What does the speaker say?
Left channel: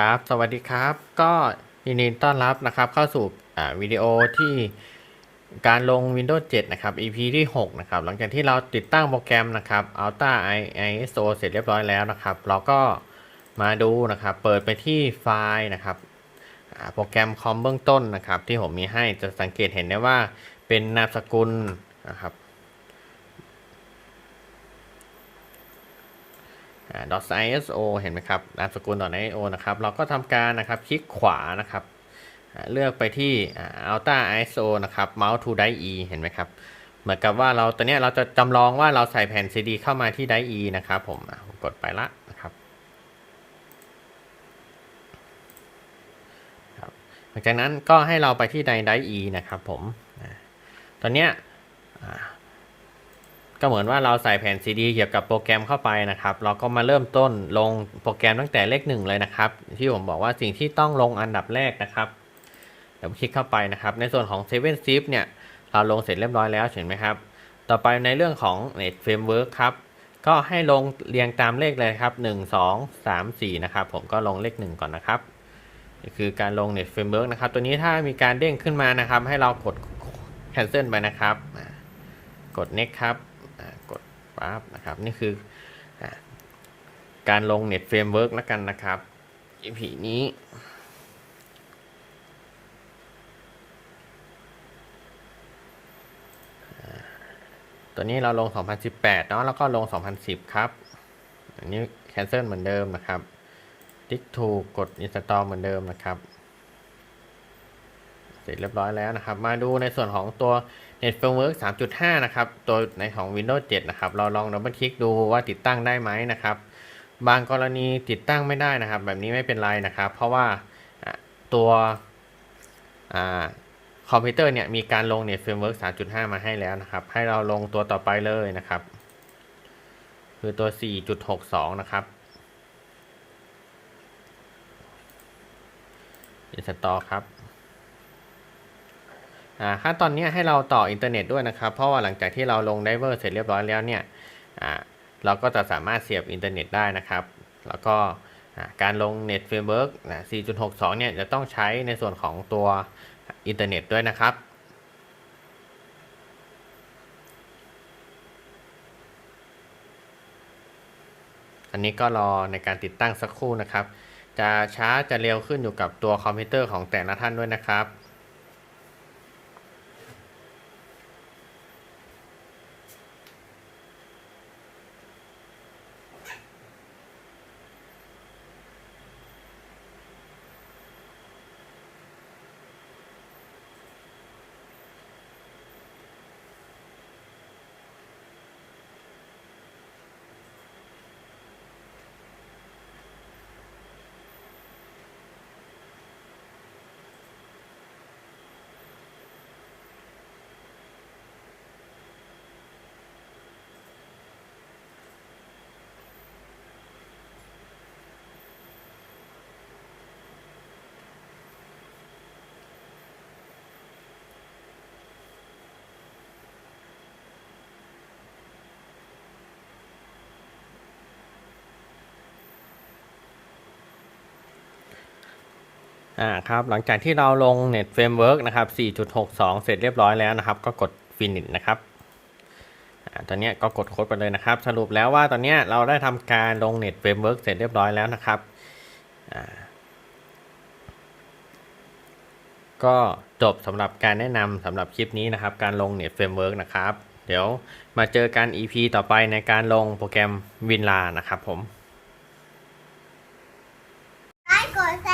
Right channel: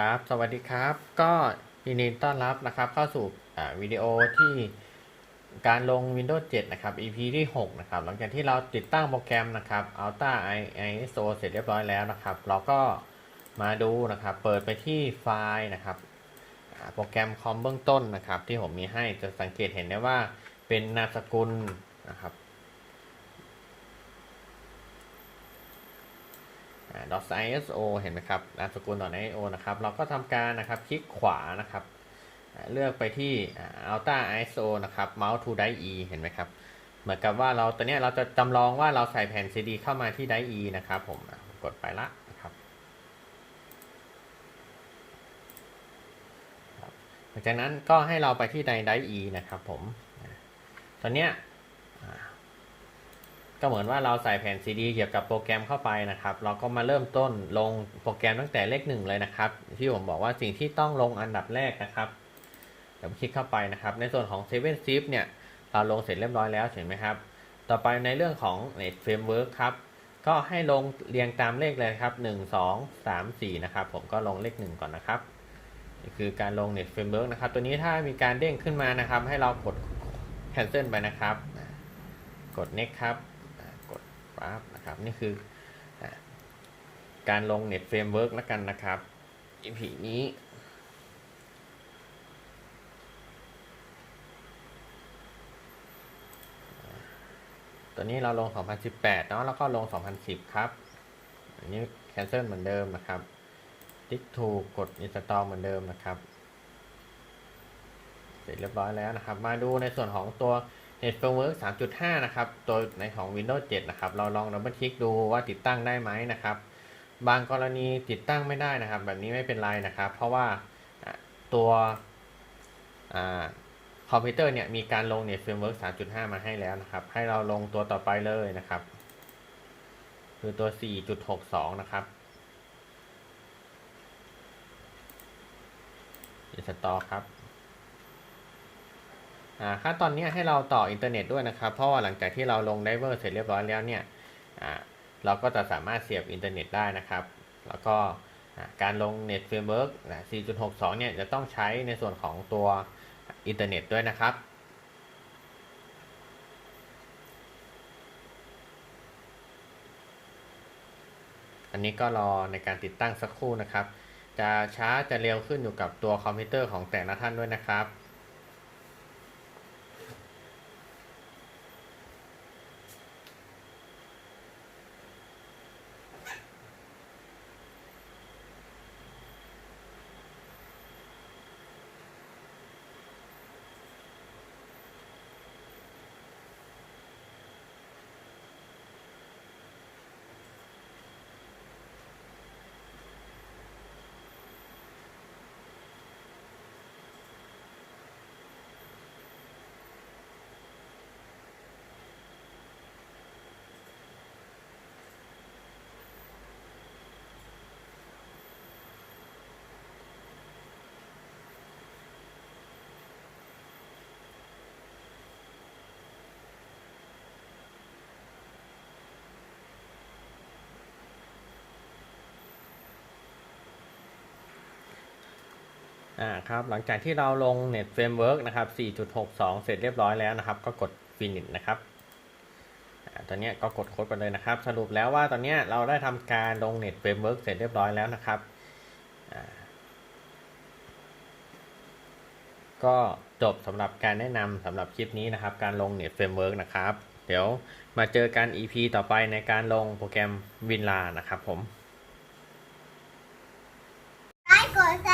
ครับ สวัสดีครับ ก็ยินดีต้อนรับนะครับ เข้าสู่วิดีโอที่การลง Windows 7 นะครับ EP ที่ 6 นะครับ หลังจากที่เราติดตั้งโปรแกรมนะครับ Alta ISO เสร็จเรียบร้อยแล้วนะครับ เราก็มาดูนะครับ เปิดไปที่ไฟล์นะครับโปรแกรมคอมเบื้องต้นนะครับ ที่ผมมีให้จะสังเกตเห็นได้ว่าเป็นนามสกุลนะครับ .iso เห็นไหมครับนามสกุล .iso นะครับ เราก็ทำการนะครับคลิกขวานะครับ เลือกไปที่อ่า Alta ISO นะครับ Mouse to Die E เห็นไหมครับ เหมือนกับว่าเราตอนนี้เราจะจำลองว่าเราใส่แผ่น CD เข้ามาที่ Die E นะครับผมกดไปละนะครับหลังจากนั้นก็ให้เราไปที่ Die Die E นะครับผมตอนนี้ ก็เหมือนว่าเราใส่แผ่นซีดีเกี่ยวกับโปรแกรมเข้าไปนะครับ เราก็มาเริ่มต้นลงโปรแกรมตั้งแต่เลขหนึ่งเลยนะครับ ที่ผมบอกว่าสิ่งที่ต้องลงอันดับแรกนะครับเดี๋ยวผมคลิกเข้าไปนะครับ ในส่วนของ 7 Zip เนี่ยเราลงเสร็จเรียบร้อยแล้วเห็นไหมครับ ต่อไปในเรื่องของ Net Framework ครับ ก็ให้ลงเรียงตามเลขเลยครับ 1 2 3 4 นะครับ ผมก็ลงเลข 1 ก่อนนะครับคือการลง Net Framework นะครับ ตัวนี้ถ้ามีการเด้งขึ้นมานะครับ ให้เรากด cancel ไปนะครับ กด next ครับ ปั๊บนะครับนี่คือการลง Net Framework แล้วกันนะครับ EP นี้ตัวนี้เราลง 2018 เนาะ แล้วก็ลง 2010 ครับ อันนี้ cancel เหมือนเดิมนะครับ ติ๊กถูกกด install เหมือนเดิมนะครับ เสร็จเรียบร้อยแล้วนะครับ มาดูในส่วนของตัว Net Framework 3.5 นะครับ ตัวในของ Windows 7 นะครับ เราลองดับเบิลคลิกดูว่าติดตั้งได้ไหมนะครับ บางกรณีติดตั้งไม่ได้นะครับ แบบนี้ไม่เป็นไรนะครับ เพราะว่าตัวอคอมพิวเตอร์เนี่ยมีการลง Net Framework 3.5 มาให้แล้วนะครับ ให้เราลงตัวต่อไปเลยนะครับ คือตัว 4.62 นะครับ install ครับ ขั้นตอนนี้ให้เราต่ออินเทอร์เน็ตด้วยนะครับ เพราะว่าหลังจากที่เราลงไดเวอร์เสร็จเรียบร้อยแล้วเนี่ยอ่าเราก็จะสามารถเสียบอินเทอร์เน็ตได้นะครับ แล้วก็อ่าการลง Net Framework นะ4.62 เนี่ยจะต้องใช้ในส่วนของตัวอินเทอร์เน็ตด้วยนะครับอันนี้ก็รอในการติดตั้งสักครู่นะครับ จะช้าจะเร็วขึ้นอยู่กับตัวคอมพิวเตอร์ของแต่ละท่านด้วยนะครับ อ่าครับหลังจากที่เราลง Net Framework นะครับ 4.62 เสร็จเรียบร้อยแล้วนะครับ ก็กด Finish นะครับอ่าตอนนี้ก็กดโค้ดไปเลยนะครับ สรุปแล้วว่าตอนนี้เราได้ทำการลง Net Framework เสร็จเรียบร้อยแล้วนะครับอ่าก็จบสำหรับการแนะนำสำหรับคลิปนี้นะครับ การลง Net Framework นะครับ เดี๋ยวมาเจอกัน EP ต่อไปในการลงโปรแกรม WinRAR นะครับผม ไลค์กดแชร์